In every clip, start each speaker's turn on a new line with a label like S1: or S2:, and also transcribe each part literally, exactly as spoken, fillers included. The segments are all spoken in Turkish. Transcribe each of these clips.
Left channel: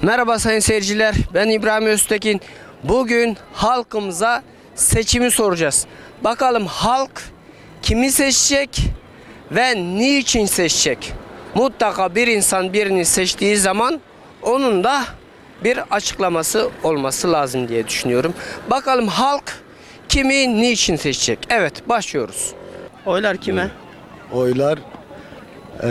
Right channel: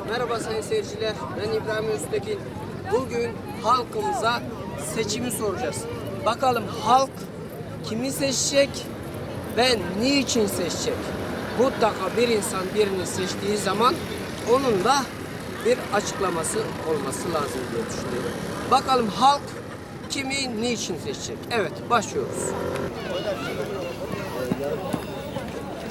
S1: Merhaba sayın seyirciler, ben İbrahim Öztekin. Bugün halkımıza seçimi soracağız. Bakalım halk kimi seçecek ve niçin seçecek? Mutlaka bir insan birini seçtiği zaman onun da bir açıklaması olması lazım diye düşünüyorum. Bakalım halk kimi niçin seçecek? Evet, başlıyoruz. Oylar kime?
S2: Oylar eee,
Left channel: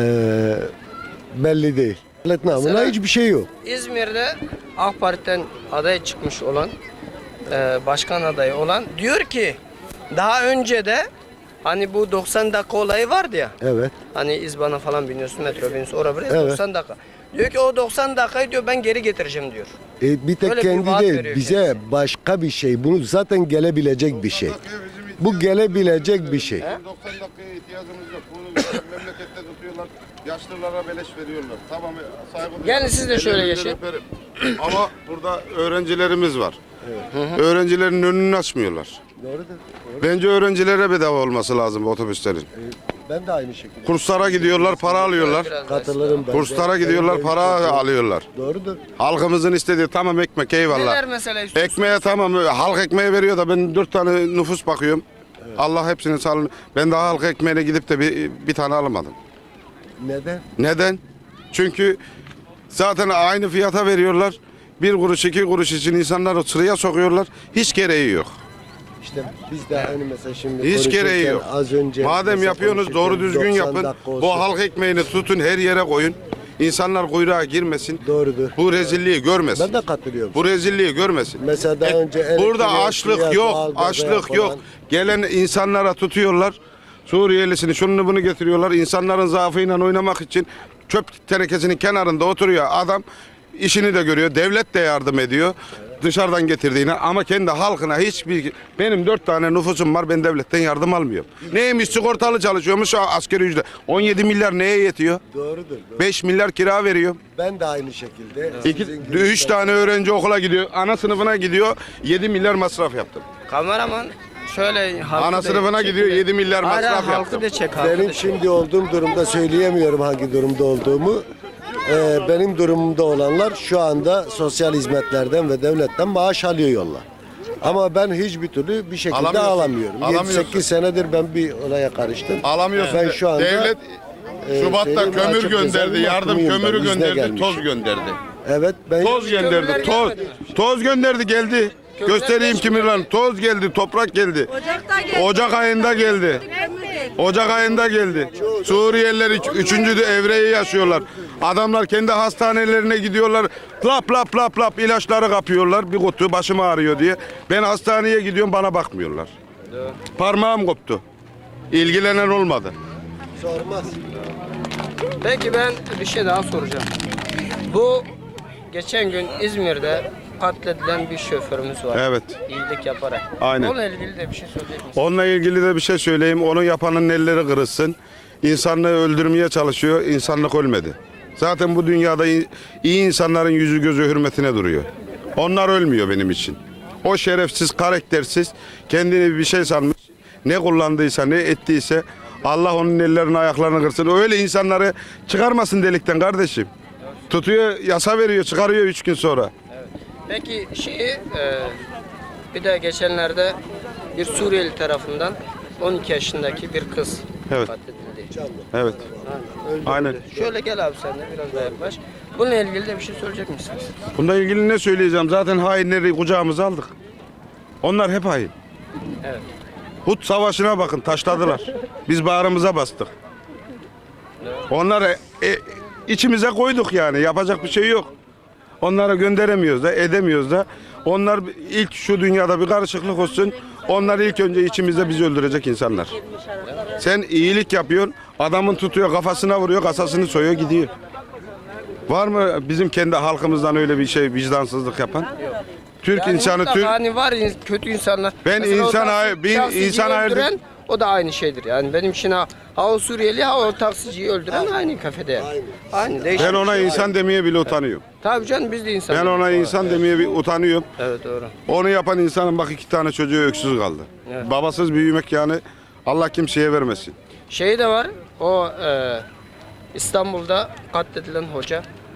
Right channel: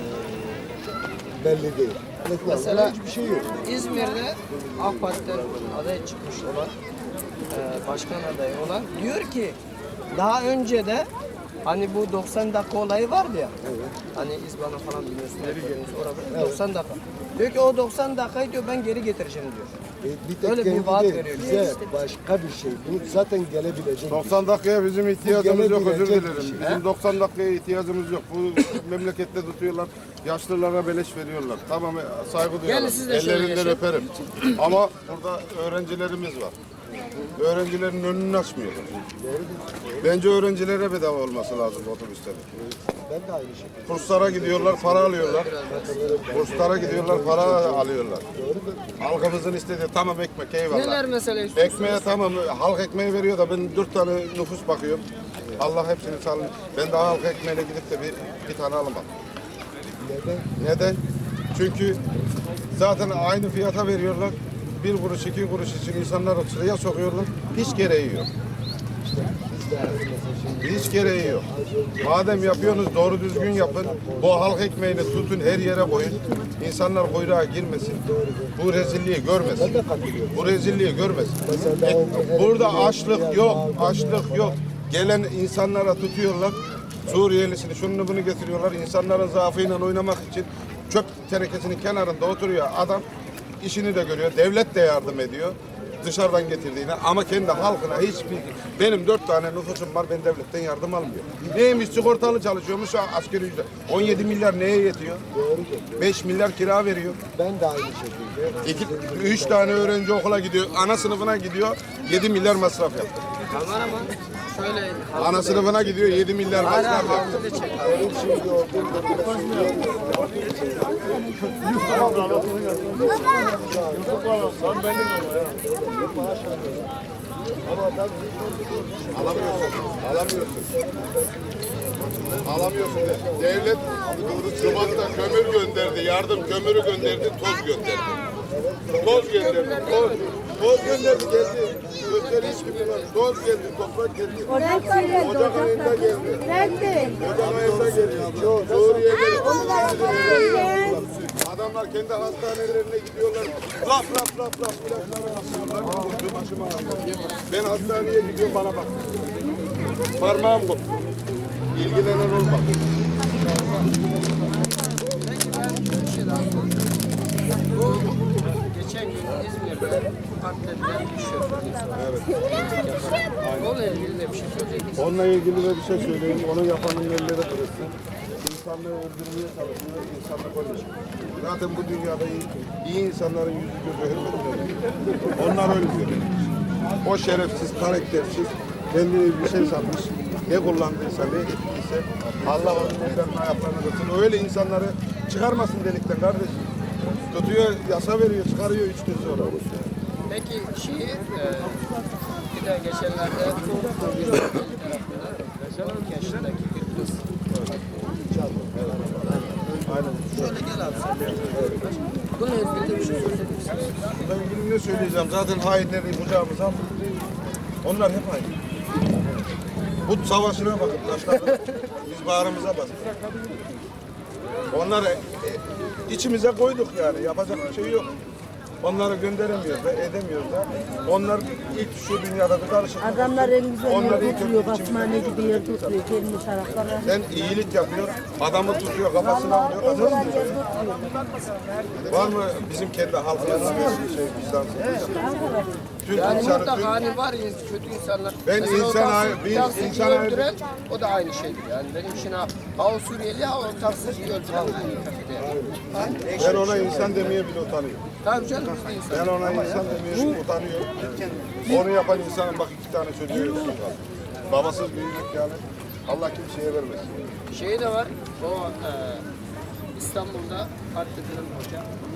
S2: belli değil.
S1: Mesela-
S2: Buna hiçbir şey yok.
S1: İzmir'de AK Parti'den aday çıkmış olan, e, başkan adayı olan diyor ki daha önce de hani bu doksan dakika olayı vardı ya.
S2: Evet.
S1: Hani İzban'a falan biniyorsun, metro biniyorsun, oraya buraya
S2: Evet.
S1: doksan dakika. Diyor ki o doksan dakikayı diyor ben geri getireceğim diyor.
S2: E, bir tek
S1: Öyle bir
S2: kendi
S1: vaat
S2: değil,
S1: veriyor
S2: bize
S1: kendisi.
S2: başka bir şey. Bu zaten gelebilecek bir şey.
S3: doksan dakikaya bizim
S2: Bu
S3: ihtiyacımız yok,
S2: gelebilecek
S3: özür
S2: bir
S3: dilerim.
S2: şey.
S3: Bizim doksan dakikaya ihtiyacımız yok. Bu memlekette tutuyorlar. Yaşlılara beleş veriyorlar. Tamam, saygı duyuyorum.
S1: Gelin siz de şöyle
S3: Ellerinden
S1: geçin.
S3: öperim. Ama burada öğrencilerimiz var. Öğrencilerin önünü açmıyorlar. Bence öğrencilere bedava olması lazım otobüslerin.
S2: Ben de aynı şekilde
S3: Kurslara gidiyorlar, para alıyorlar.
S2: katılırım. Ben.
S3: Kurslara gidiyorlar, para alıyorlar.
S2: Doğrudur.
S3: Halkımızın istediği tamam ekmek, eyvallah.
S1: Neler mesela istiyorsunuz?
S3: Ekmeğe tamam, halk ekmeği veriyor da ben dört tane nüfus bakıyorum. Allah hepsini sağlık. Ben daha halk ekmeğine gidip de bir, bir tane alamadım.
S2: Neden?
S3: Neden? Çünkü zaten aynı fiyata veriyorlar. Bir kuruş, iki kuruş için insanları sıraya sokuyorlar. Hiç gereği yok.
S2: İşte biz de hani mesela şimdi
S3: Hiç
S2: konuşurken
S3: gereği yok.
S2: Az önce
S3: Madem yapıyorsunuz doğru düzgün
S2: doksan
S3: yapın.
S2: dakika olsun.
S3: Bu halk ekmeğini tutun, her yere koyun. İnsanlar kuyruğa girmesin.
S2: Doğrudur.
S3: Bu rezilliği görmesin.
S2: Ben de katılıyorum.
S3: Bu rezilliği görmesin.
S2: Mesela daha önce
S3: E, Burada
S2: elektriğe,
S3: açlık
S2: biraz
S3: yok,
S2: doğalgaza
S3: açlık
S2: falan.
S3: yok. Gelen insanlara tutuyorlar. Suriyelisini şunu bunu getiriyorlar. İnsanların zaafıyla oynamak için çöp tenekesinin kenarında oturuyor adam. İşini de görüyor. Devlet de yardım ediyor. Dışarıdan getirdiğine ama kendi halkına hiçbir... Benim dört tane nüfusum var. Ben devletten yardım almıyorum. Neymiş sigortalı çalışıyormuş askeri ücret. on yedi milyar neye yetiyor? beş milyar kira veriyor.
S2: Ben de aynı şekilde.
S3: İki,
S2: Sizin-
S3: üç tane öğrenci okula gidiyor. Ana sınıfına gidiyor. yedi milyar masraf yaptı.
S1: Kameraman şöyle halkı
S3: Ana
S1: da-
S3: sınıfına gidiyor. yedi milyar
S1: Hayır,
S3: masraf
S1: halkı
S3: yaptı.
S1: da çek halkı da
S2: Benim
S1: çek.
S2: şimdi olduğum durumda söyleyemiyorum hangi durumda olduğumu. Ee, benim durumumda olanlar şu anda sosyal hizmetlerden ve devletten maaş alıyorlar. Ama ben hiçbir türlü bir şekilde
S3: Alamıyorsun.
S2: alamıyorum.
S3: Alamıyorsun.
S2: yedi sekiz senedir ben bir oraya karıştım.
S3: Alamıyorsun.
S2: Ben şu anda
S3: Devlet Şubat'ta
S2: e,
S3: kömür
S2: açık
S3: gönderdi,
S2: hesabım
S3: yardım
S2: okumuyum ben,
S3: kömürü
S2: izne
S3: gönderdi,
S2: gelmiş.
S3: toz gönderdi.
S2: Evet ben
S3: Toz gönderdi, toz. Toz gönderdi geldi. Göstereyim kimin lan. Toz geldi, toprak geldi.
S4: Ocak'ta geldi.
S3: Ocak ayında geldi. Ocak ayında geldi. Suriyeliler üç- üçüncü de evreyi yaşıyorlar. Adamlar kendi hastanelerine gidiyorlar. Lap lap lap lap ilaçları kapıyorlar. Bir kutu başım ağrıyor diye. Ben hastaneye gidiyorum bana bakmıyorlar. Parmağım koptu. İlgilenen olmadı.
S1: Peki ben bir şey daha soracağım. Bu geçen gün İzmir'de katledilen bir şoförümüz var.
S3: Evet.
S1: İyilik yaparak.
S3: Aynen.
S1: Onunla ilgili de bir şey söyleyecek misin?
S3: Onunla ilgili de bir şey söyleyeyim. Onun yapanın elleri kırılsın. İnsanlığı öldürmeye çalışıyor. İnsanlık ölmedi. Zaten bu dünyada iyi, iyi insanların yüzü gözü hürmetine duruyor. Onlar ölmüyor benim için. O şerefsiz, karaktersiz, kendini bir şey sanmış. Ne kullandıysa, ne ettiyse Allah onun ellerini ayaklarını kırsın. Öyle insanları çıkarmasın delikten kardeşim. Tutuyor, yasa veriyor, çıkarıyor üç gün sonra.
S1: Peki şeyi e, bir de geçenlerde bir Suriyeli tarafından on iki yaşındaki bir kız.
S3: Evet. Evet. Aynen.
S1: Şöyle gel abi sen de biraz daha yaklaş. Bununla ilgili de bir şey söyleyecek misiniz?
S3: Bununla ilgili ne söyleyeceğim? Zaten hainleri kucağımıza aldık. Onlar hep hain.
S1: Evet.
S3: Hud Savaşı'na bakın taşladılar. Biz bağrımıza bastık. Onları e, içimize koyduk yani. Yapacak bir şey yok. Onları gönderemiyoruz da, edemiyoruz da. Onlar ilk şu dünyada bir karışıklık olsun. Onlar ilk önce içimizde bizi öldürecek insanlar. Sen iyilik yapıyorsun, adamın tutuyor kafasına vuruyor, kasasını soyuyor gidiyor. Var mı bizim kendi halkımızdan öyle bir şey vicdansızlık yapan? Türk
S1: Yani
S3: insanı,
S1: mutlaka
S3: Türk...
S1: hani var in- kötü insanlar.
S3: Ben
S1: Mesela o
S3: insan
S1: taksi-
S3: ay- bir
S1: taksiciyi
S3: insan ay-
S1: öldüren o da aynı şeydir. Yani benim için ha, ha o Suriyeli ha o taksiciyi öldüren aynı kafede. Aynı değişik.
S3: Ben ona insan demeye bile utanıyorum.
S1: Tabii canım biz de insan.
S3: Ben ona insan demeye bir utanıyorum.
S1: Evet doğru.
S3: Onu yapan insanın bak iki tane çocuğu öksüz kaldı. Babasız büyümek yani Allah kimseye vermesin.
S1: Şey de var o e, İstanbul'da katledilen hoca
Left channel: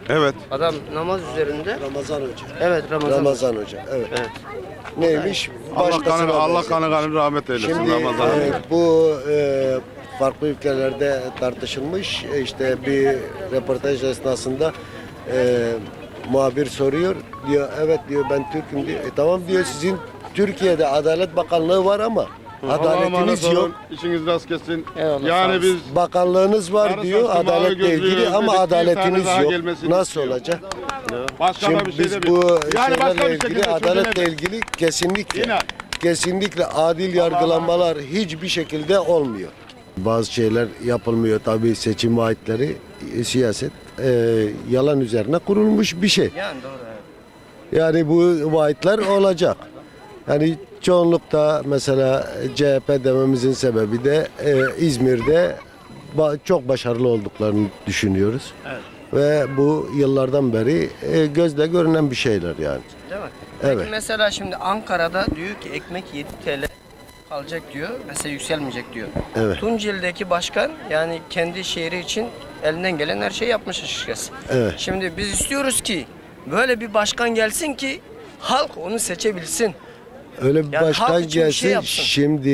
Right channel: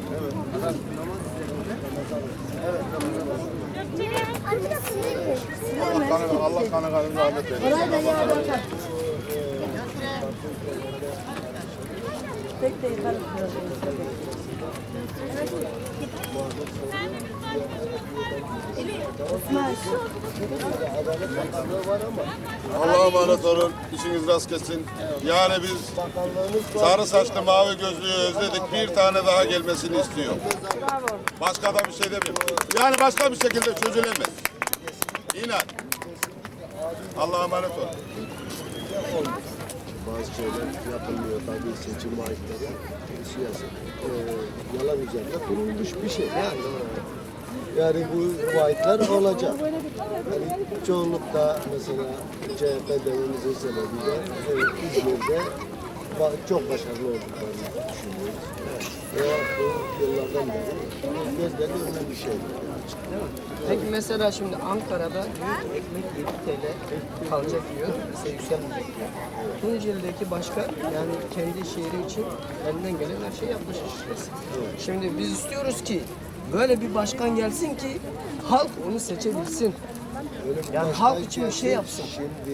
S3: Evet.
S1: Adam namaz üzerinde.
S2: Ramazan Hoca.
S1: Evet, Ramazan.
S2: Ramazan Hoca. Evet. Neymiş?
S3: Allah kanı, Allah kanı kanı rahmet eylesin Ramazan.
S2: Yani bu e, farklı ülkelerde tartışılmış. E, işte bir röportaj esnasında e, muhabir soruyor. Diyor evet diyor ben Türk'üm diyor. E, tamam diyor sizin Türkiye'de Adalet Bakanlığı var ama adaletiniz yok.
S3: İşiniz rast kessin.
S1: Eyvallah.
S3: Yani biz
S2: Bakanlığınız var
S3: sarı
S2: diyor
S3: saçlı mavi
S2: adaletle
S3: gözlü
S2: ilgili ama
S3: özledik, bir tane
S2: adaletiniz
S3: daha
S2: yok.
S3: gelmesini
S2: Nasıl
S3: istiyor.
S2: olacak?
S3: başka da
S2: Şimdi
S3: bir şey
S2: biz bu
S3: demiyoruz. Yani başka
S2: şeylerle
S3: bir şekilde
S2: ilgili, adaletle
S3: çözülemez.
S2: ilgili kesinlikle
S3: Yine.
S2: kesinlikle adil yargılanmalar hiçbir şekilde olmuyor. Bazı şeyler yapılmıyor tabii seçim vaatleri e, siyaset e, yalan üzerine kurulmuş bir şey.
S1: Yani doğru.
S2: Yani bu vaatler olacak. Yani çoğunlukta mesela C H P dememizin sebebi de e, İzmir'de ba- çok başarılı olduklarını düşünüyoruz. Ve bu yıllardan beri e, gözle görünen bir şeyler yani.
S1: Değil mi?
S2: Evet.
S1: Peki mesela şimdi Ankara'da diyor ki ekmek yedi TL kalacak diyor. Mesela yükselmeyecek diyor.
S2: Evet.
S1: Tunceli'deki başkan yani kendi şehri için elinden gelen her şeyi yapmış açıkçası.
S2: Evet.
S1: Şimdi biz istiyoruz ki böyle bir başkan gelsin ki halk onu seçebilsin.
S2: Öyle bir
S1: Yani
S2: başkan
S1: halk için bir şey
S2: gelsin.
S1: yapsın.
S2: Şimdi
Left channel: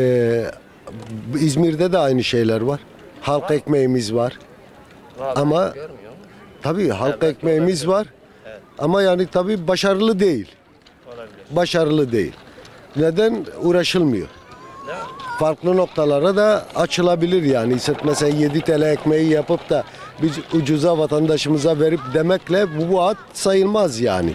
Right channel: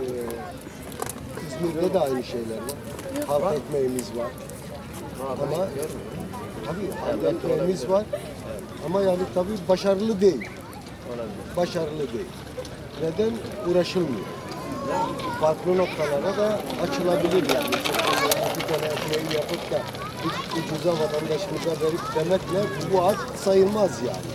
S2: e, İzmir'de de aynı şeyler var. Halk ekmeğimiz var. Ama tabii halk ekmeğimiz var. Ama yani tabii başarılı değil. Başarılı değil. Neden? Uğraşılmıyor. Farklı noktalara da açılabilir yani. Sırf mesela yedi TL ekmeği yapıp da biz ucuza vatandaşımıza verip demekle bu vaat sayılmaz yani.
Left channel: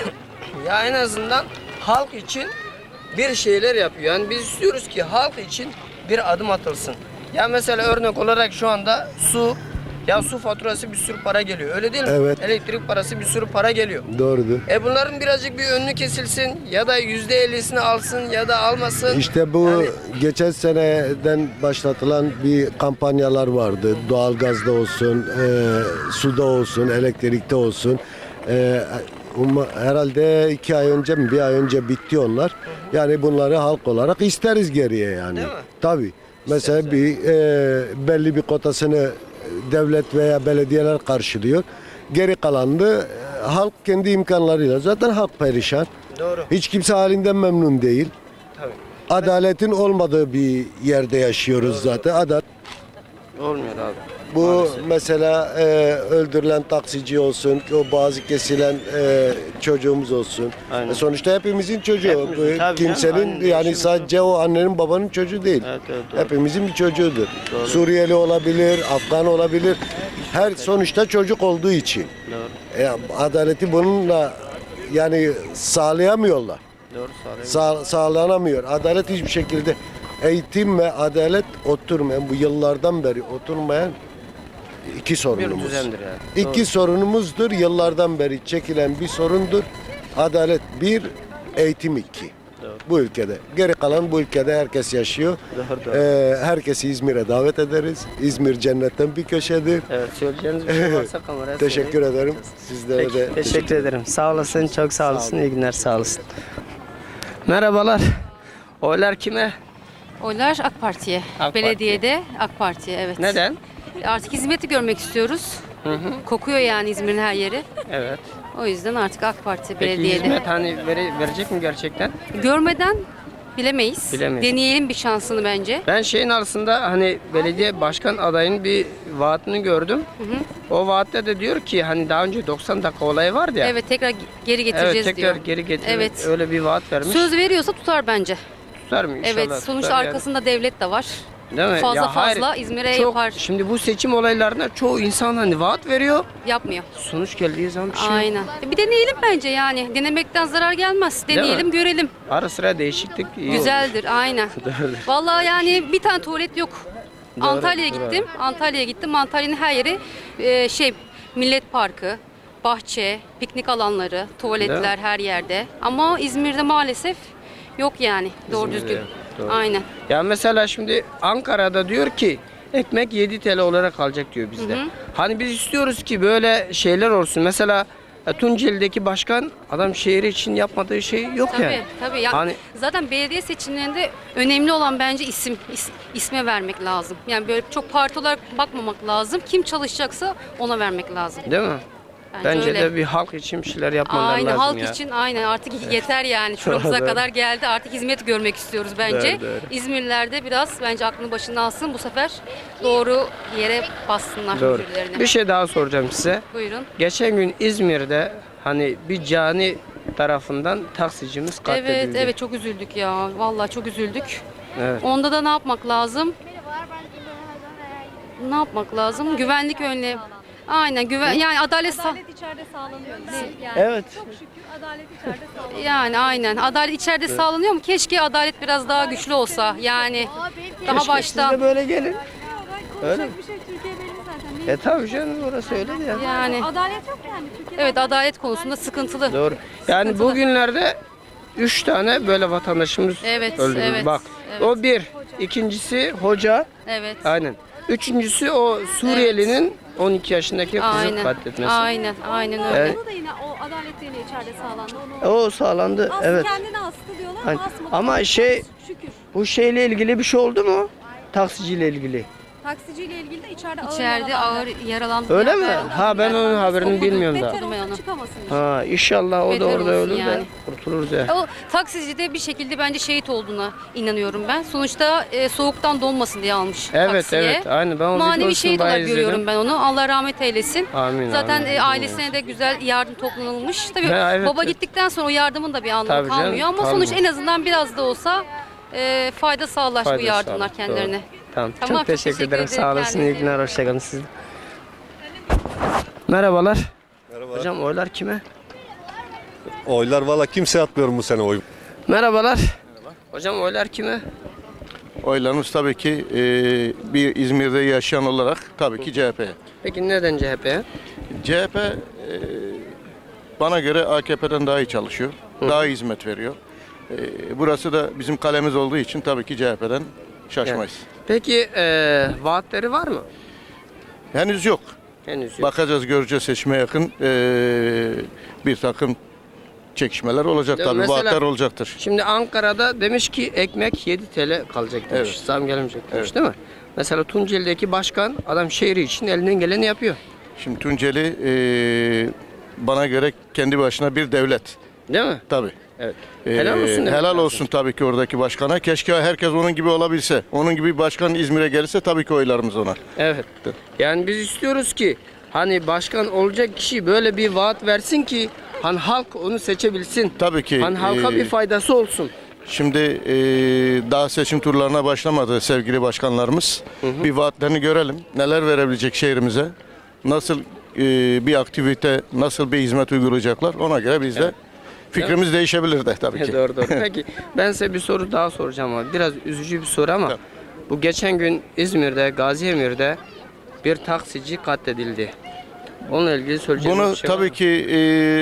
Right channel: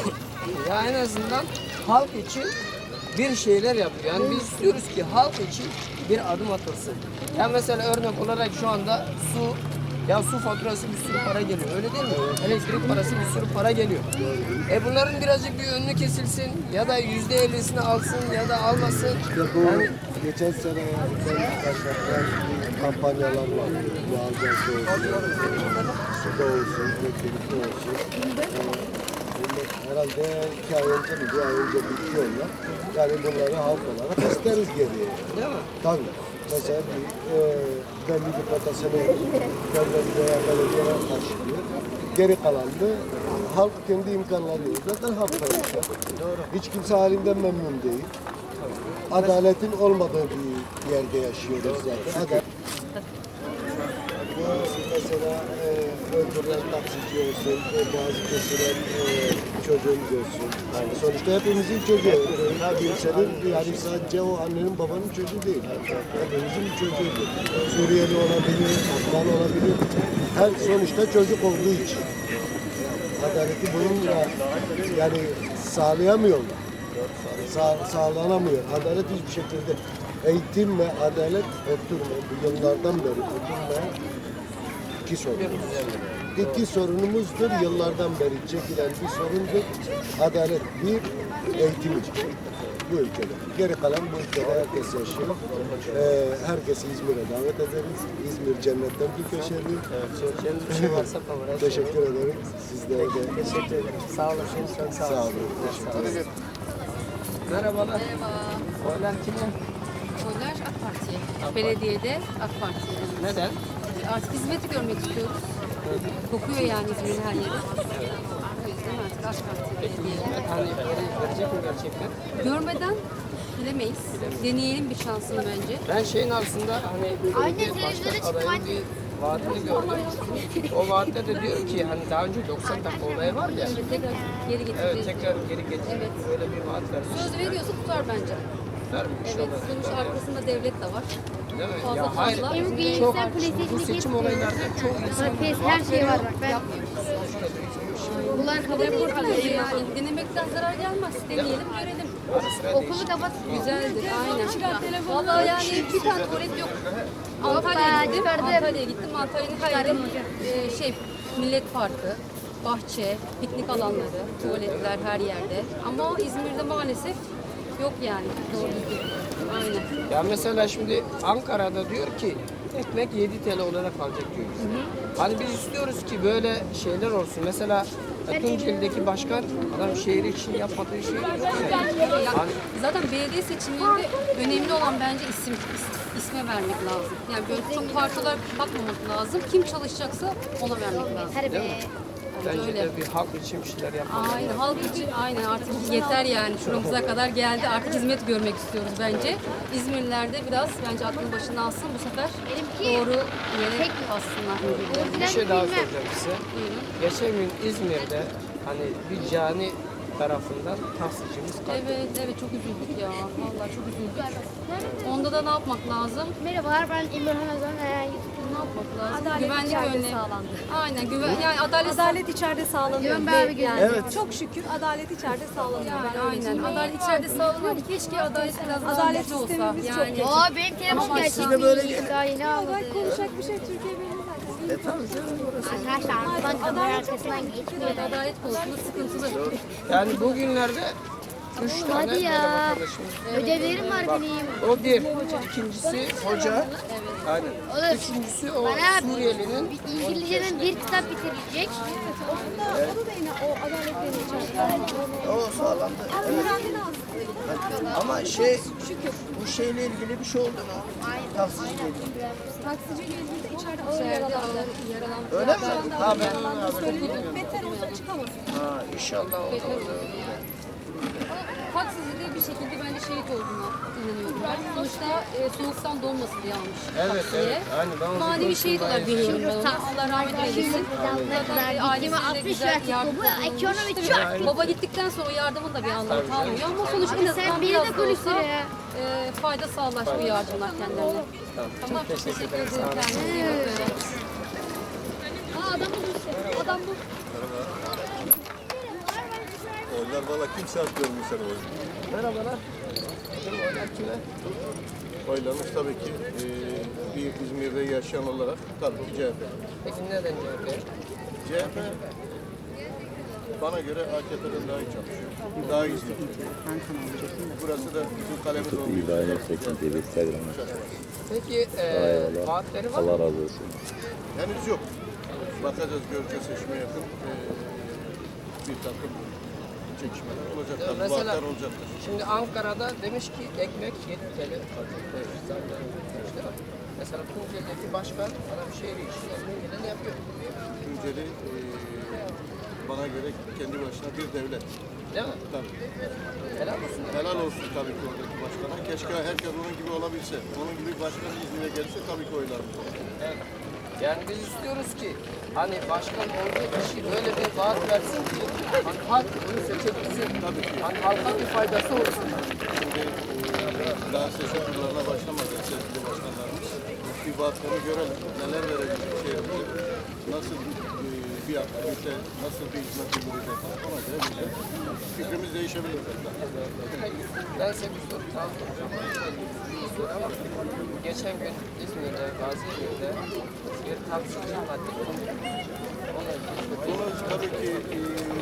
S1: Ya en azından halk için bir şeyler yapıyor. Yani biz istiyoruz ki halk için bir adım atılsın. Ya mesela örnek olarak şu anda su, ya su faturası bir sürü para geliyor. Öyle değil mi?
S2: Evet.
S1: Elektrik parası bir sürü para geliyor.
S2: Doğrudur.
S1: E bunların birazcık bir önünü kesilsin ya da yüzde ellisini alsın ya da almasın.
S2: İşte bu
S1: Yani
S2: geçen seneden başlatılan bir kampanyalar vardı. Doğalgazda olsun, e, suda olsun, elektrikte olsun. E, um- herhalde iki ay önce mi, bir ay önce bitti onlar. Yani bunları halk olarak isteriz geriye yani.
S1: Değil mi?
S2: Tabii. Mesela bir e, belli bir kotasını devlet veya belediyeler karşılıyor. Geri kalanını e, halk kendi imkanlarıyla. Zaten halk perişan.
S1: Doğru.
S2: Hiç kimse halinden memnun değil.
S1: Tabii.
S2: Adaletin olmadığı bir yerde yaşıyoruz zaten. Adalet.
S1: Olmuyor abi.
S2: Bu mesela e, öldürülen taksici olsun, o bazı kesilen e, çocuğumuz olsun.
S1: Aynen.
S2: Sonuçta hepimizin çocuğu.
S1: Hepimiz,
S2: E,
S1: tabii
S2: Kimsenin
S1: canım, aynen.
S2: yani sadece o annenin babanın çocuğu değil.
S1: Evet, evet,
S2: Hepimizin bir çocuğudur. Suriyeli olabilir, Afgan olabilir. Her sonuçta çocuk olduğu için. E, adaleti bununla yani sağlayamıyorlar. Sağ, sağlanamıyor. Adalet hiçbir şekilde eğitim ve adalet oturmayan, bu yıllardan beri oturmayan iki sorunumuz.
S1: düzendir yani.
S2: İki sorunumuzdur. Yıllardan beri çekilen bir sorundur. Adalet bir, eğitim iki. Bu ülkede. Geri kalan bu ülkede herkes yaşıyor. Ee, herkesi İzmir'e davet ederiz. İzmir cennetten bir köşedir.
S1: Evet, söyleyeceğiniz bir şey varsa kameraya
S2: Teşekkür
S1: söyleyin.
S2: ederim. Sizlere de
S1: Peki, teşekkür ederim. Sağ olasın, çok sağ olasın. İyi günler, sağ olasın. Merhabalar. Oylar kime?
S4: Oylar AK Parti'ye.
S1: Parti.
S4: Belediyede AK Parti'ye evet.
S1: Neden?
S4: Artık hizmeti görmek istiyoruz. Kokuyor yani İzmir'in her yeri.
S1: Evet.
S4: O yüzden artık AK Parti
S1: Peki
S4: belediyede.
S1: hizmet hani vere- verecek mi gerçekten?
S4: Görmeden bilemeyiz.
S1: Bilemeyiz.
S4: Deneyelim bir şansını bence.
S1: Ben şeyin arasında hani belediye başkan adayının bir vaatini gördüm. O vaatte de diyor ki hani daha önce doksan dakika olayı vardı ya.
S4: Evet tekrar geri
S1: Evet,
S4: getireceğiz
S1: tekrar
S4: diyor.
S1: geri getir.
S4: Evet.
S1: Öyle bir vaat vermiş.
S4: Söz veriyorsa tutar bence.
S1: Tutar mı inşallah?
S4: Evet sonuçta
S1: tutar yani.
S4: arkasında devlet de var.
S1: Değil mi?
S4: Fazla
S1: Ya hayır,
S4: fazla İzmir'e
S1: çok-
S4: yapar.
S1: Şimdi bu seçim olaylarında çoğu insan hani vaat veriyor.
S4: Yapmıyor.
S1: Sonuç geldiği zaman bir şey yok.
S4: Aynen. Bir deneyelim bence yani. Denemekten zarar gelmez.
S1: mi?
S4: Deneyelim görelim.
S1: Ara sıra değişiklik iyi olur.
S4: Güzeldir aynen. Vallahi yani bir tane tuvalet yok. Antalya'ya gittim. Antalya'ya gittim. Antalya'nın her yeri e, şey Millet Parkı, bahçe, piknik alanları, tuvaletler her yerde. Ama İzmir'de maalesef yok yani doğru düzgün. Aynen.
S1: Ya mesela şimdi Ankara'da diyor ki ekmek yedi TL olarak kalacak diyor bizde. Hani biz istiyoruz ki böyle şeyler olsun. Mesela e, Tunceli'deki başkan adam şehri için yapmadığı şey yok
S4: Tabii
S1: yani.
S4: tabii. Ya,
S1: Hani
S4: zaten belediye seçimlerinde önemli olan bence isim is, isme vermek lazım. Yani böyle çok parti olarak bakmamak lazım. Kim çalışacaksa ona vermek lazım.
S1: değil mi? Bence
S4: öyle.
S1: de bir halk için bir şeyler yapmaları
S4: Aynen
S1: lazım
S4: halk
S1: ya.
S4: için aynen artık yeter yani şuramıza kadar geldi artık hizmet görmek istiyoruz bence.
S1: Evet, evet.
S4: İzmirliler de biraz bence aklını başına alsın bu sefer doğru yere bassınlar.
S1: Doğru.
S4: birbirlerine.
S1: Bir şey daha soracağım size.
S4: Buyurun.
S1: Geçen gün İzmir'de hani bir cani tarafından taksicimiz katledildi.
S4: Evet evet çok üzüldük ya vallahi çok üzüldük.
S1: Evet.
S4: Onda da ne yapmak lazım?
S5: Merhabalar, ben İmran Ozan Kaya.
S4: Ne yapmak lazım? Güvenlik önlemi. Aynen güven yani adalet sağ-
S6: Adalet içeride sağlanıyor.
S5: Yön ver bir
S1: Evet.
S6: Çok şükür adalet içeride sağlanıyor.
S4: yani aynen adalet içeride sağlanıyor mu? Keşke adalet biraz daha güçlü olsa. Yani
S5: Aa, benim
S4: daha
S5: keşke-
S4: baştan
S1: Böyle gelin.
S5: Daha yeni aldım.
S6: Konuşacak bir şey Türkiye belli zaten.
S1: E tabii canım orası öyle ya.
S4: yani
S6: Adalet çok önemli.
S4: evet adalet konusunda sıkıntılı.
S1: Doğru. Yani bugünlerde üç tane böyle vatandaşımız
S4: Evet,
S1: öldü.
S4: evet.
S1: Bak o bir. İkincisi hoca.
S4: Evet.
S1: Aynen. Üçüncüsü o Suriyelinin on iki yaşındaki kızın
S4: Aynen.
S1: katledilmesi.
S4: Aynen. Aynen öyle.
S1: Evet.
S6: Bu da yine o adaletlerin içeride sağlanıyor.
S1: O sağlandı.
S6: Aslında
S1: Evet.
S6: kendine azıcık diyorlar.
S1: Aynen. Ama şey bu şeyle ilgili bir şey oldu mu? Taksiciyle ilgili.
S6: Taksiciyle ilgili de içeride ağır
S4: İçeride
S6: yaralandı.
S4: ağır yaralandı.
S1: Öyle mi? Ha ben onun haberini bilmiyorum daha.
S6: Beter olsa çıkamasın.
S1: Ha inşallah o da
S4: Beter
S1: orada
S4: olsun
S1: ölür de
S4: yani.
S1: kurtulur da.
S4: O taksici de bir şekilde bence şehit olduğuna inanıyorum ben. Sonuçta e, soğuktan donmasın diye almış
S1: Evet,
S4: taksiye.
S1: evet. Aynen, ben o
S4: Manevi
S1: videosunu
S4: şehit
S1: bayağı
S4: olarak görüyorum
S1: izledim.
S4: ben onu. Allah rahmet eylesin.
S1: Amin,
S4: Zaten e, ailesine de güzel yardım toplamış. Tabii
S1: Ya, evet.
S4: baba gittikten sonra o yardımın da bir anlamı
S1: Tabii canım,
S4: kalmıyor. Ama sonuç en azından biraz da olsa e, fayda sağlar bu
S1: Fayda
S4: yardımlar
S1: sağlar,
S4: kendilerine.
S1: Tamam.
S4: Tamam,
S1: Çok teşekkür,
S4: teşekkür
S1: ederim.
S4: ederim.
S1: Sağ olasın.
S4: Kendinize
S1: İyi günler. Hoşçakalın siz. Merhabalar. Hocam oylar kime?
S7: Oylar valla kimse atmıyorum bu sene oy.
S1: Merhabalar. Hocam oylar kime?
S8: Oylarımız tabii ki e, bir İzmir'de yaşayan olarak tabii ki C H P'ye.
S1: Peki neden C H P'ye?
S8: C H P e, bana göre A K P'den daha iyi çalışıyor, daha iyi hizmet veriyor. E, burası da bizim kalemiz olduğu için tabii ki C H P'den şaşmayız.
S1: Peki eee vaatleri var mı?
S8: Henüz yok.
S1: Henüz yok.
S8: Bakacağız, göreceğiz seçime yakın e, bir takım çekişmeler olacak
S1: Ya
S8: tabii,
S1: mesela-
S8: vaatler olacaktır.
S1: Şimdi Ankara'da demiş ki ekmek yedi TL kalacak demiş.
S8: Evet.
S1: Zam gelmeyecek demiş
S8: Evet.
S1: değil mi? Mesela Tunceli'deki başkan adam şehri için elinden geleni yapıyor.
S8: Şimdi Tunceli e, bana göre kendi başına bir devlet.
S1: Değil mi?
S8: Tabii.
S1: Evet.
S8: Ee,
S1: Helal olsun demek
S8: helal
S1: lazım.
S8: olsun tabii ki oradaki başkana. Keşke herkes onun gibi olabilse. Onun gibi bir başkan İzmir'e gelirse tabii ki oylarımız ona.
S1: Evet. Yani biz istiyoruz ki hani başkan olacak kişi böyle bir vaat versin ki hani halk onu seçebilsin.
S8: Tabii ki,
S1: Hani halka
S8: e,
S1: bir faydası olsun.
S8: Şimdi e, daha seçim turlarına başlamadı sevgili başkanlarımız. Bir vaatlerini görelim. Neler verebilecek şehrimize? Nasıl e, bir aktivite, nasıl bir hizmet uygulayacaklar? Ona göre biz de fikrimiz değişebilir de tabii ki.
S1: Doğru doğru. Peki ben size bir soru daha soracağım abi. Biraz üzücü bir soru ama bu geçen gün İzmir'de, Gaziemir'de bir taksici katledildi. Onunla ilgili söyleyeceğim
S8: Bunu
S1: bir şey var.
S8: tabii ki e,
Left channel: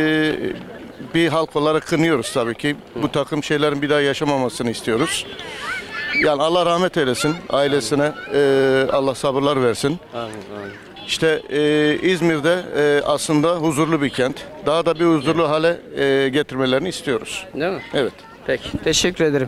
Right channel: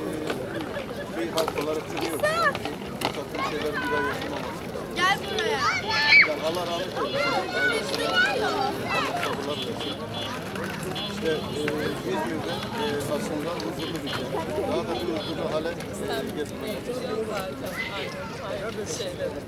S8: bir halk olarak kınıyoruz tabii ki. Bu takım şeylerin bir daha yaşamamasını istiyoruz. Yani Allah rahmet eylesin ailesine, e, Allah sabırlar versin. İşte e, İzmir'de e, aslında huzurlu bir kent. Daha da bir huzurlu hale e, getirmelerini istiyoruz.
S1: Değil mi?
S8: Evet.
S1: Peki. Teşekkür ederim.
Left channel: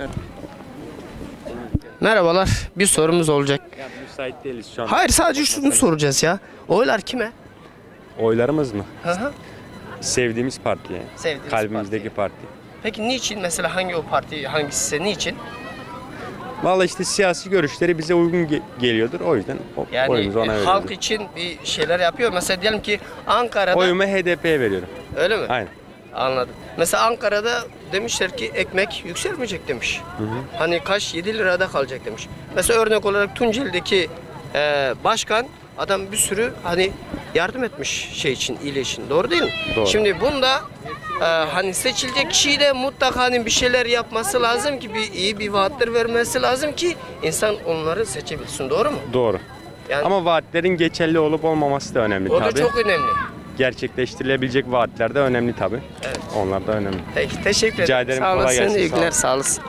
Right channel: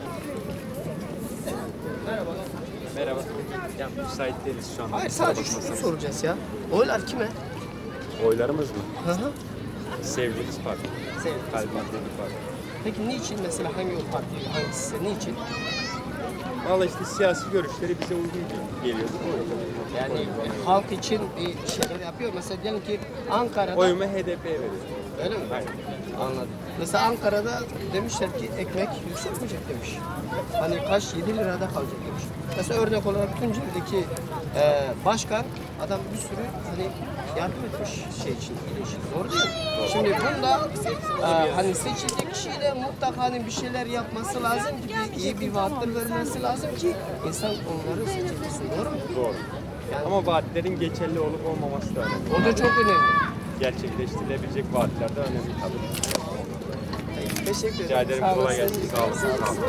S1: Merhabalar. Bir sorumuz olacak.
S9: Müsait değiliz şu an.
S1: Hayır sadece şunu soracağız ya. Oylar kime?
S9: Oylarımız mı?
S1: Hı hı.
S9: Sevdiğimiz parti yani.
S1: Sevdiğiniz
S9: Kalbimizdeki parti.
S1: Peki niçin mesela hangi o parti hangisi size niçin?
S9: Vallahi işte siyasi görüşleri bize uygun ge- geliyordur. O yüzden o-
S1: Yani
S9: oyumuzu ona
S1: e,
S9: veriyoruz.
S1: halk için bir şeyler yapıyor. Mesela diyelim ki Ankara'da
S9: Oyumu H D P'ye veriyorum.
S1: öyle mi?
S9: Aynen.
S1: Anladım. Mesela Ankara'da demişler ki ekmek yükselmeyecek demiş. Hani kaç yedi lirada kalacak demiş. Mesela örnek olarak Tunceli'deki e, başkan adam bir sürü hani yardım etmiş şey için, iyiliği için. Doğru değil mi?
S9: Doğru.
S1: Şimdi bunda e, hani seçilecek kişiyi de mutlaka hani bir şeyler yapması lazım ki bir iyi bir vaatler vermesi lazım ki insan onları seçebilsin. Doğru mu?
S9: Doğru.
S1: Yani
S9: Ama vaatlerin geçerli olup olmaması da önemli
S1: o da
S9: tabii.
S1: çok önemli.
S9: Gerçekleştirilebilecek vaatler de önemli tabii. Onlar da önemli.
S1: Peki, teşekkür ederim.
S9: Rica ederim,
S1: Sağ
S9: kolay
S1: olasın.
S9: gelsin.
S1: İyi
S9: Sağ
S1: günler.
S9: olun.
S1: Sağ olasın.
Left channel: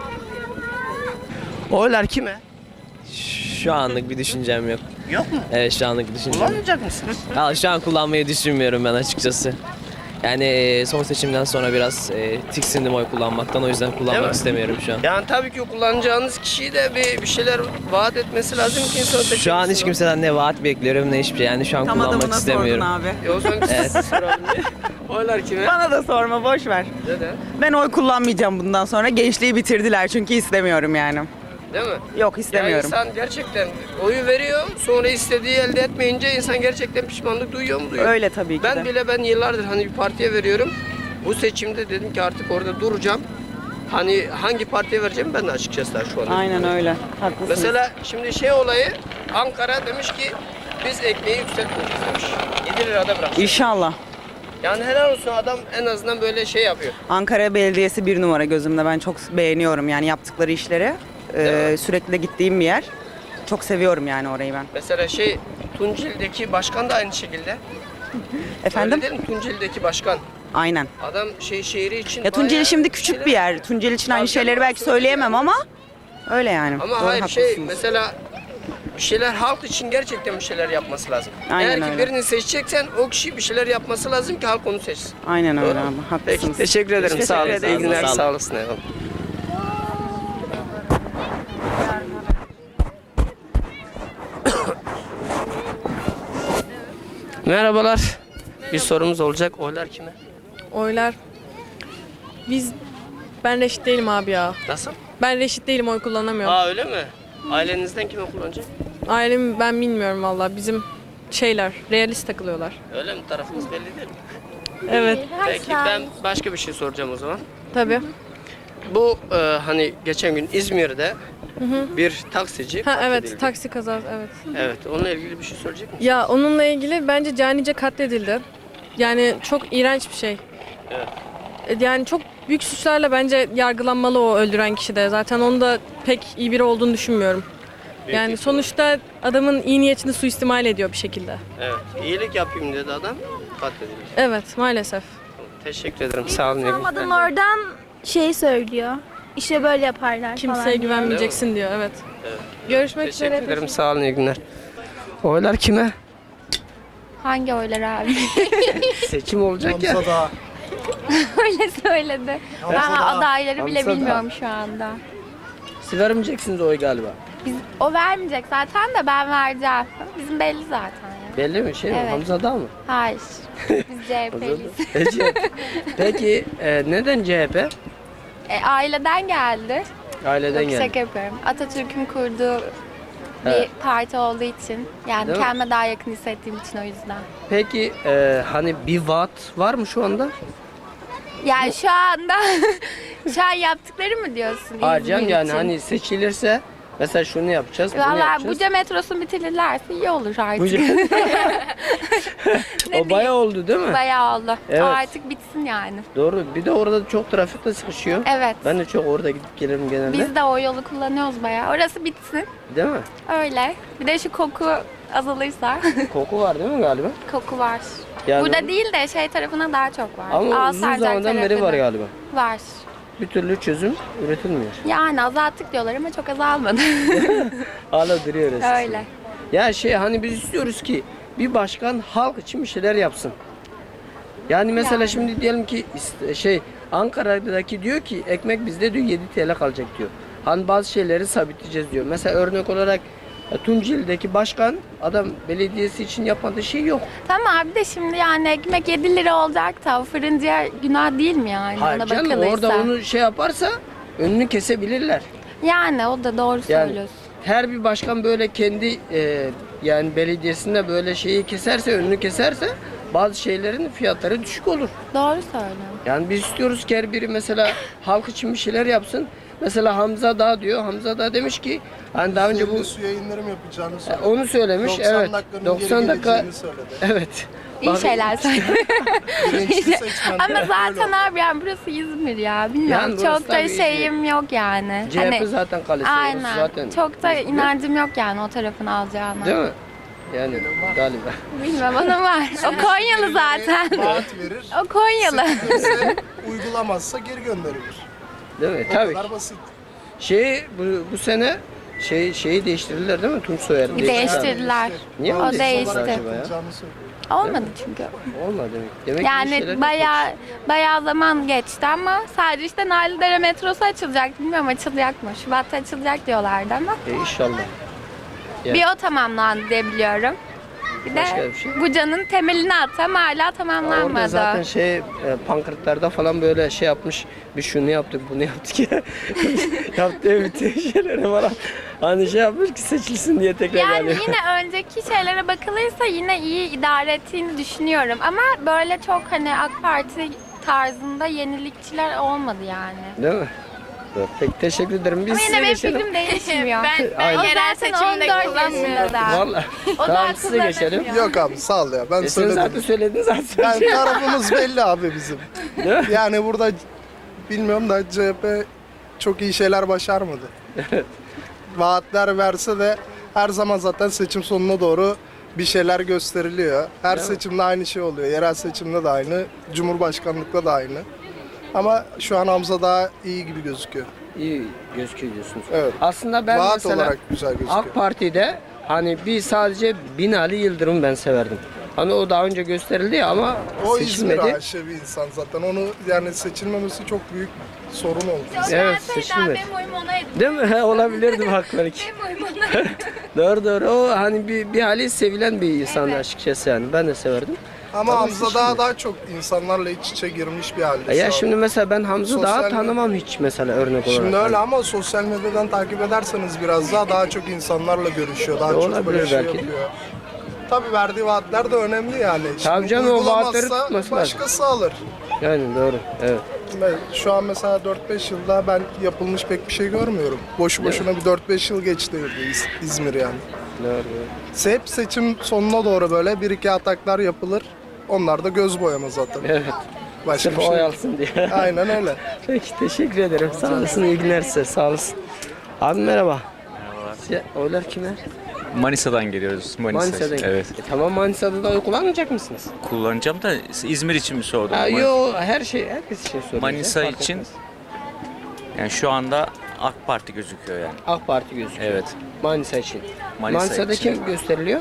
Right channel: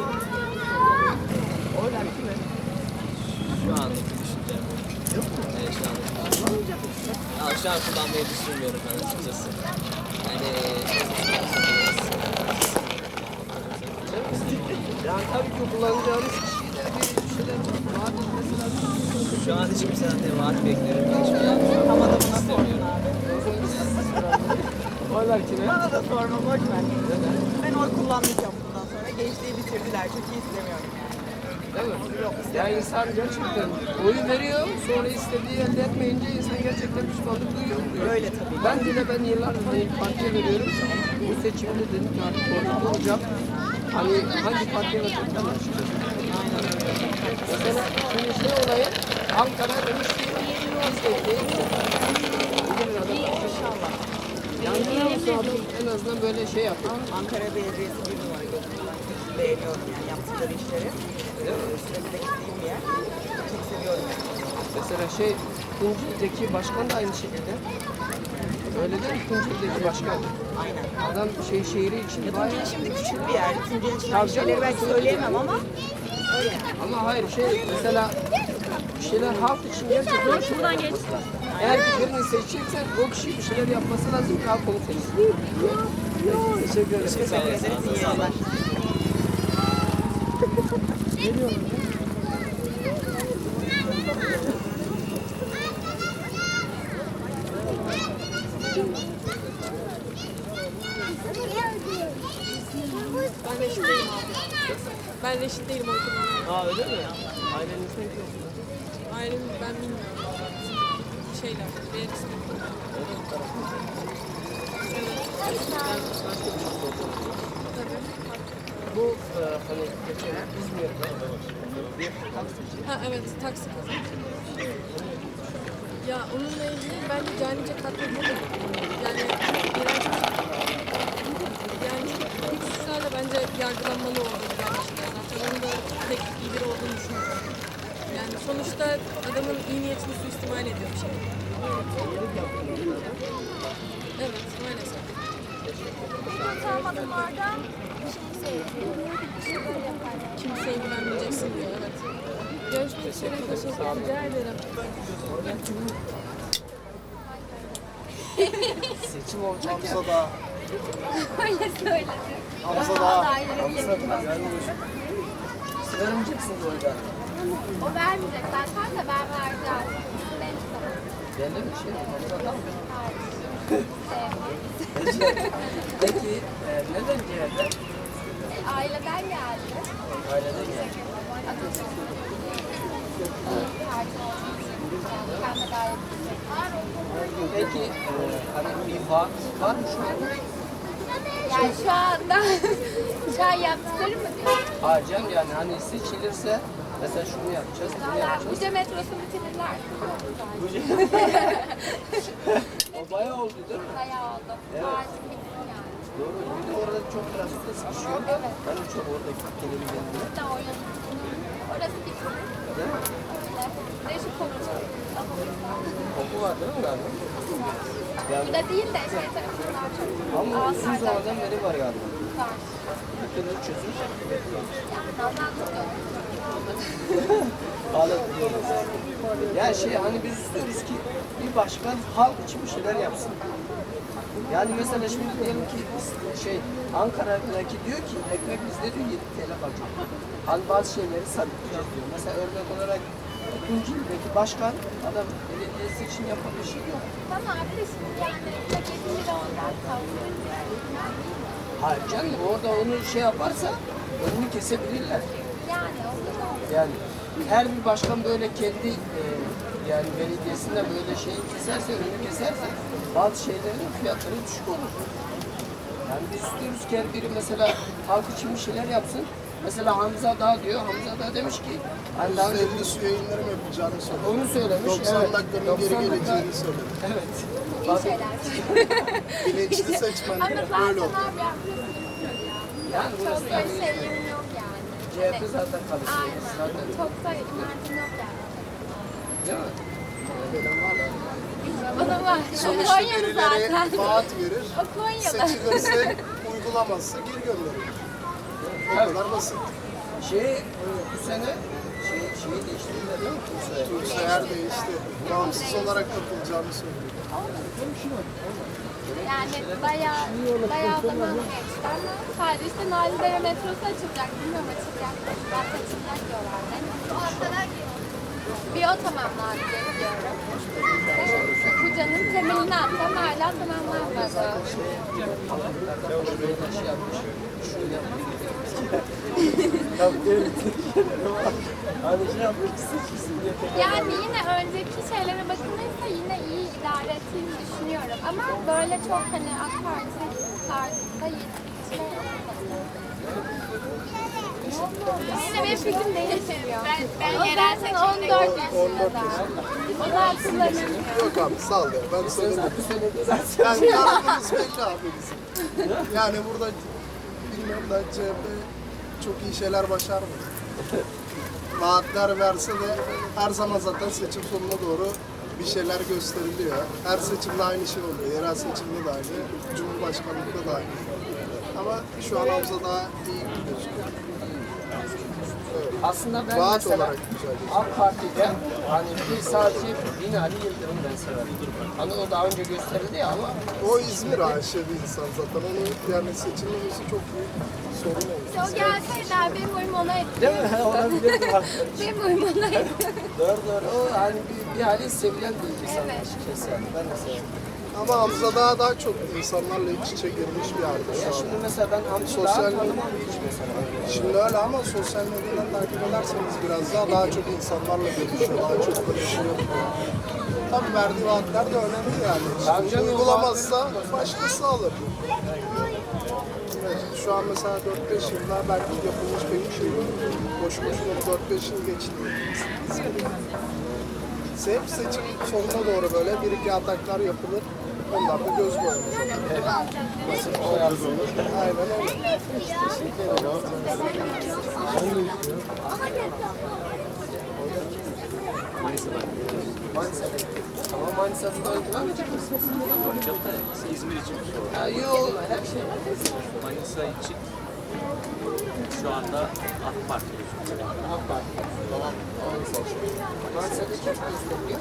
S1: Oylar kime?
S10: Şu anlık bir düşüncem yok.
S1: Yok mu?
S10: Evet şu anlık düşüncem.
S1: Kullanmayacak mısın?
S10: Ya, şu an kullanmayı düşünmüyorum ben açıkçası. Yani e, son seçimden sonra biraz e, tiksindim oy kullanmaktan. O yüzden
S1: Değil
S10: kullanmak
S1: mi?
S10: istemiyorum şu an.
S1: Yani tabii ki kullanacağınız kişiyi de bir, bir şeyler vaat etmesi lazım ki insan seçim.
S10: Şu an hiç kimseden ne vaat bekliyorum ne hiçbir şey. Yani şu an kullanmak istemiyorum.
S1: E o zaman siz soralım. Oylar kime?
S11: Bana da sorma, boş ver.
S1: Neden?
S11: Ben oy kullanmayacağım bundan sonra. Gençliği bitirdiler çünkü istemiyorum yani.
S1: Değil mi?
S11: Yok,
S1: Yani
S11: istemiyorum.
S1: insan gerçekten oyu veriyor, sonra istediği elde etmeyince insan gerçekten pişmanlık duyuyor mu duyuyor?
S11: Öyle tabii ki
S1: Ben
S11: de.
S1: bile ben yıllardır hani bir partiye veriyorum. Bu seçimde dedim ki artık orada duracağım. Hani hangi partiye vereceğim ben de açıkçası daha şu an.
S11: Aynen öyle. Haklısınız.
S1: Mesela şimdi şey olayı Ankara demiş ki biz ekmeği yükselttik demiş. yedi lirada bırak.
S11: İnşallah.
S1: Yani helal olsun adam en azından böyle şey yapıyor.
S11: Ankara Belediyesi bir numara gözümde. Ben çok beğeniyorum yani yaptıkları işleri. Ee, sürekli de gittiğim bir yer. Çok seviyorum yani orayı ben.
S1: Mesela şey Tunceli'deki başkan da aynı şekilde.
S11: Efendim?
S1: Öyle değil mi? Tunceli'deki başkan.
S11: Aynen.
S1: Adam şey şehri için
S11: Ya Tunceli
S1: bayağı-
S11: şimdi küçük bir yer. Tunceli için aynı şeyleri belki söyleyemem ama öyle yani.
S1: Ama
S11: Doğru,
S1: hayır
S11: haklısın.
S1: şey mesela bir şeyler halk için gerçekten bir şeyler yapması lazım.
S11: Aynen
S1: Eğer
S11: öyle.
S1: birini seçeceksen o kişi bir şeyler yapması lazım ki halk onu seçsin.
S11: Aynen öyle
S1: Doğru.
S11: abi. Haklısın.
S1: Peki teşekkür ederim.
S11: Teşekkür
S1: Sağ olun.
S11: ederim.
S1: İyi günler.
S10: Sağ olun.
S1: Sağ olasın. Eyvallah. Merhabalar. Bir sorumuz olacak. Oylar kime?
S6: Oylar. Biz ben reşit değilim abi ya.
S1: Nasıl?
S6: Ben reşit değilim, oy kullanamıyorum.
S1: Aa öyle mi? Ailenizden kime kullanacak?
S6: Ailem ben bilmiyorum valla. Bizim şeyler realist takılıyorlar.
S1: Öyle mi? Tarafınız belli değil mi?
S6: Evet.
S1: Peki ben başka bir şey soracağım o zaman.
S6: Tabii.
S1: Bu e, hani geçen gün İzmir'de bir taksici.
S6: Ha evet, taksi kazası evet.
S1: Evet, onunla ilgili bir şey söyleyecek misin?
S6: Ya onunla ilgili bence canice katledildi. Yani çok iğrenç bir şey. Yani çok büyük suçlarla bence yargılanmalı o öldüren kişi de. Zaten onun da pek iyi biri olduğunu düşünmüyorum. Yani sonuçta adamın iyi niyetini suistimal ediyor bir şekilde.
S1: Evet, iyilik yapayım dedi adam. Katil.
S6: Evet, maalesef.
S1: Teşekkür ederim, sağ olun. iyi günler.
S5: Adam oradan şey söylüyor. İşte böyle yaparlar
S6: Kimseye
S5: falan.
S6: güvenmeyeceksin diyor, evet. Görüşmek üzere.
S1: Teşekkür ederim, sağ olun, iyi günler. Oylar kime?
S5: Hangi oylar abi?
S1: Seçim olacak ya.
S5: Öyle söyledi. Ben adayları bile bilmiyorum şu anda.
S1: Siz vermeyeceksiniz oy galiba.
S5: Biz, o vermeyecek zaten de ben vereceğim. Bizim belli zaten.
S1: Belli mi? Şey mi?
S5: Evet.
S1: Hamza Dağ mı?
S5: Hayır. Biz C H P'liyiz.
S1: Peki, Peki e, neden C H P?
S5: E, aileden geldi.
S1: Aileden
S5: Yok,
S1: geldi.
S5: şaka yapıyorum. Atatürk'ün kurduğu bir
S1: Evet.
S5: parti olduğu için. Yani
S1: Değil mi?
S5: kendime daha yakın hissettiğim için o yüzden.
S1: Peki e, hani bir vaat var mı şu anda?
S5: Yani şu anda şu an yaptıkları mı diyorsun?
S1: Hayır canım,
S5: İzmir
S1: yani
S5: için?
S1: hani seçilirse mesela şunu yapacağız, bunu
S5: Valla
S1: yapacağız.
S5: Buca metrosunu bitirirlerse iyi olur artık.
S1: Buca- O bayağı oldu değil mi?
S5: Bayağı oldu.
S1: Evet.
S5: Artık bitsin yani.
S1: Doğru. Bir de orada çok trafikte sıkışıyor.
S5: Evet.
S1: Ben de çok orada gidip gelirim genelde.
S5: Biz de o yolu kullanıyoruz bayağı. Orası bitsin.
S1: Değil mi?
S5: Öyle. Bir de şu koku azalırsa.
S1: Koku var değil mi galiba?
S5: Koku var.
S1: Yani-
S5: Burada değil de şey tarafına daha çok var.
S1: Ama uzun
S5: Alsancak
S1: zamandan beri var
S5: tarafında.
S1: galiba.
S5: Var.
S1: Bir türlü çözüm üretilmiyor.
S5: Yani azalttık diyorlar ama çok azalmadı.
S1: Hala duruyoruz.
S5: Öyle.
S1: Ya şey hani biz istiyoruz ki bir başkan halk için bir şeyler yapsın. Yani mesela şimdi diyelim ki is- şey Ankara'daki diyor ki ekmek bizde diyor yedi T L kalacak diyor. Hani bazı şeyleri sabitleyeceğiz diyor. Mesela örnek olarak e, Tunceli'deki başkan adam belediyesi için yapmadığı şey yok.
S5: Tamam abi de şimdi yani ekmek yedi lira olacak da o fırıncıya günah değil mi yani?
S1: Hayır
S5: Ona
S1: canım
S5: bakılırsa.
S1: orada onu şey yaparsa önünü kesebilirler.
S5: Yani o da doğru
S1: Yani
S5: söylüyorsun.
S1: her bir başkan böyle kendi e, yani belediyesinde böyle şeyi keserse, önünü keserse bazı şeylerin fiyatları düşük olur.
S5: Doğru söylüyorsun.
S1: Yani biz istiyoruz ki her biri mesela halk için bir şeyler yapsın. Mesela Hamza Dağ diyor. Hamza Dağ demiş ki hani daha önce bu
S12: Su yayınları mı yapacağını söyledi.
S1: onu söylemiş.
S12: doksan
S1: Evet.
S12: dakikanın
S1: doksan
S12: geri
S1: dakika.
S12: geleceğini söyledi.
S1: Evet.
S5: İyi
S1: Abi,
S5: şeyler söylüyor.
S12: Bilinçli seçmen.
S5: Ama
S12: Öyle
S5: zaten
S12: oldu.
S5: abi yani burası İzmir ya. Bilmiyorum.
S1: Yani burası
S5: çok da
S1: tabii
S5: şeyim yok yani.
S1: C H P zaten kalesi.
S5: Aynen.
S1: Zaten.
S5: Çok da inancım yok yani o tarafın alacağına.
S1: Değil mi? Yani galiba.
S5: Bilmem ona var. O Konyalı zaten.
S12: Vaat verir.
S5: O Konyalı.
S12: Seçilirse uygulamazsa geri gönderilir.
S1: Değil mi?
S12: Bu
S1: Tabii.
S12: kadar basit.
S1: Şeyi bu, bu sene şey şeyi değiştirdiler değil mi? Tunç Soyer'i
S5: Değiştirdiler.
S1: Niye mi
S5: O
S1: değiştirdiler?
S5: değişti.
S12: Olarak yapılacağını söylüyor.
S5: Olmadı çünkü.
S1: Olmadı. Demek ki bir
S5: Yani
S1: şeyler-
S5: bayağı bayağı zaman geçti ama sadece işte Narlıdere metrosu açılacak. Bilmiyorum açılacak mı? Şubat'ta açılacak diyorlardı ama.
S1: E, İnşallah.
S5: Bir o tamamlandı diye biliyorum. Bir de Buca'nın temelini attım hala
S1: Orada
S5: tamamlanmadı.
S1: zaten şey e, pankartlarda falan böyle şey yapmış. Bir şunu yaptık, bunu yaptık ya. Yaptığı bütün şeylere falan. Hani şey yapmış ki seçilsin diye tekrar
S5: Yani
S1: yani.
S5: yine önceki şeylere bakılırsa yine iyi idare ettiğini düşünüyorum. Ama böyle çok hani AK Parti tarzında yenilikçiler olmadı yani.
S1: Değil mi? Yok, pek teşekkür ederim. Biz
S5: Ama yine benim
S1: size geçelim.
S5: fikrim değişmiyor. ben,
S1: ben
S5: yerel seçimde kullanmıyorum.
S1: Vallahi. Daha size geçelim.
S12: Yok abi sağ ol ya. Ben
S1: E, Sen
S12: söyledim.
S1: zaten söyledin zaten.
S12: Yani tarafımız belli abi bizim. Yani burada bilmiyorum da C H P çok iyi şeyler başarmadı. Vaatler verse de her zaman zaten seçim sonuna doğru bir şeyler gösteriliyor. Her seçimde aynı şey oluyor. Yerel seçimde de aynı, Cumhurbaşkanlıkta da aynı. Ama şu an Hamza daha iyi gibi gözüküyor.
S1: İyi gözüküyor diyorsunuz.
S12: Evet.
S1: Aslında ben
S12: Vaat
S1: mesela
S12: olarak güzel gözüküyor.
S1: AK Parti'de hani bir sadece Binali Yıldırım ben severdim. Hani o daha önce gösterildi ya ama
S12: O İzmir
S1: seçilmedi.
S12: aşığı bir insan zaten. Onu yani seçilmemesi çok büyük sorun oldu.
S1: Evet,
S5: Söyleseydi
S1: seçilmedi.
S5: benim oyum ona etti.
S1: Değil mi? Olabilirdi bak belki.
S5: Benim oyum ona etti.
S1: Doğru doğru. O hani bir, bir hali sevilen bir insan açıkçası yani. Ben de severdim.
S12: Ama Hamza daha daha çok insanlarla iç içe girmiş bir halde.
S1: Ya
S12: şu an.
S1: şimdi mesela ben Hamza daha
S12: Sosyal-
S1: tanımam hiç mesela örnek olarak.
S12: Şimdi öyle ama sosyal medyadan takip ederseniz biraz daha daha çok insanlarla görüşüyor. Daha çok
S1: Olabilir
S12: böyle şey
S1: belki.
S12: yapıyor. Tabii verdiği vaatler de önemli yani.
S1: Tabii
S12: Şimdi
S1: canım, o vaatleri
S12: uygulamazsa
S1: tutması lazım.
S12: başkası alır.
S1: Yani doğru. Evet.
S12: Ben şu an mesela dört beş yılda ben yapılmış pek bir şey görmüyorum. Boşu boşuna bir dört beş yıl geçti İz- İzmir yani.
S1: Doğru, doğru.
S12: Hep seçim sonuna doğru böyle bir iki ataklar yapılır. Onlar da göz boyama zaten.
S1: Evet.
S12: Başka
S1: Sırf
S12: bir şey
S1: oy
S12: değil.
S1: alsın diye.
S12: Aynen öyle.
S1: Peki teşekkür ederim. Sağ olasın. İyi günler size. Sağ olasın. Abi merhaba. Size oylar kime?
S13: Manisa'dan geliyoruz. Manisa.
S1: Manisa'dan.
S13: Evet.
S1: E, tamam Manisa'da da oy kullanmayacak mısınız?
S13: Kullanacağım da İzmir için mi sordun?
S1: Ha, yok her şey herkes için soruyor.
S13: Manisa için yani şu anda AK Parti gözüküyor yani.
S1: AK Parti gözüküyor.
S13: Evet.
S1: Manisa için.
S13: Manisa
S1: Manisa'da
S13: için.
S1: kim gösteriliyor?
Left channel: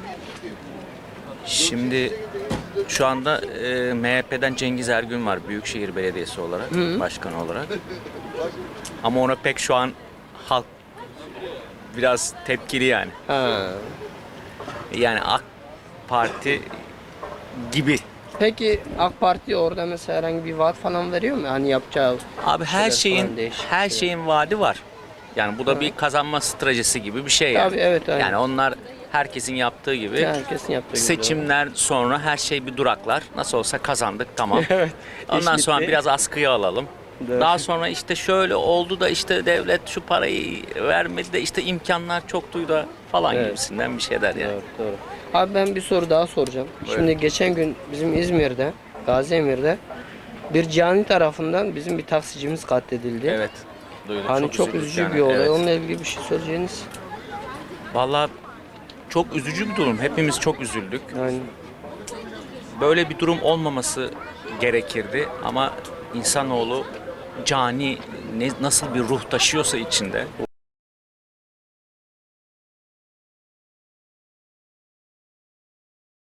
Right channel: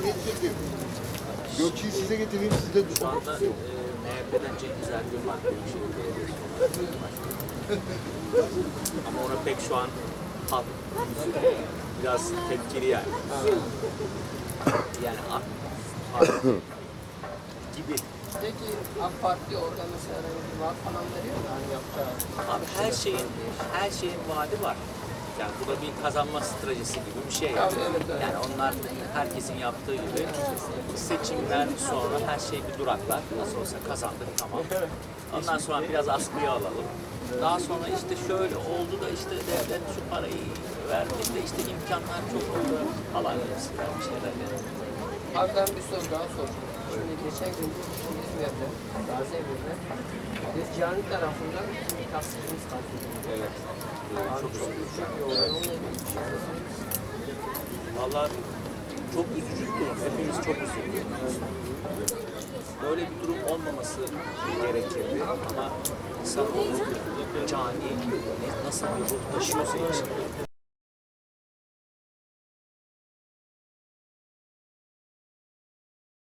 S13: Şimdi şu anda e, M H P'den Cengiz Ergün var Büyükşehir Belediyesi olarak, başkan olarak. Ama ona pek şu an halk biraz tepkili yani.
S1: Ha.
S13: Yani AK Parti gibi.
S1: Peki AK Parti orada mesela herhangi bir vaat falan veriyor mu? Hani yapacağı
S13: Abi her
S1: şeyler
S13: şeyin
S1: falan değişik.
S13: her şeyin vaadi var. Yani bu da bir kazanma stratejisi gibi bir şey yani.
S1: Tabii, evet, aynen.
S13: Yani onlar herkesin yaptığı gibi.
S1: Herkesin yaptığı gibi.
S13: Seçimler sonra her şey bir duraklar. Nasıl olsa kazandık tamam.
S1: Evet,
S13: Ondan
S1: iş
S13: sonra
S1: bitti.
S13: biraz askıya alalım.
S1: Doğru.
S13: Daha sonra işte şöyle oldu da işte devlet şu parayı vermedi de işte imkanlar çoktu da falan
S1: Evet.
S13: gibisinden bir şeyler yani.
S1: Evet, doğru. Abi ben bir soru daha soracağım. Şimdi geçen gün bizim İzmir'de, Gaziemir'de bir cani tarafından bizim bir taksicimiz katledildi.
S13: Evet. Duydum,
S1: Hani çok,
S13: üzüldük
S1: üzücü
S13: yani.
S1: bir olay.
S13: Evet.
S1: Onunla ilgili bir şey söyleyeceğiniz.
S13: Vallahi çok üzücü bir durum. Hepimiz çok üzüldük.
S1: Yani
S13: Böyle bir durum olmaması gerekirdi ama insanoğlu cani ne, nasıl bir ruh taşıyorsa içinde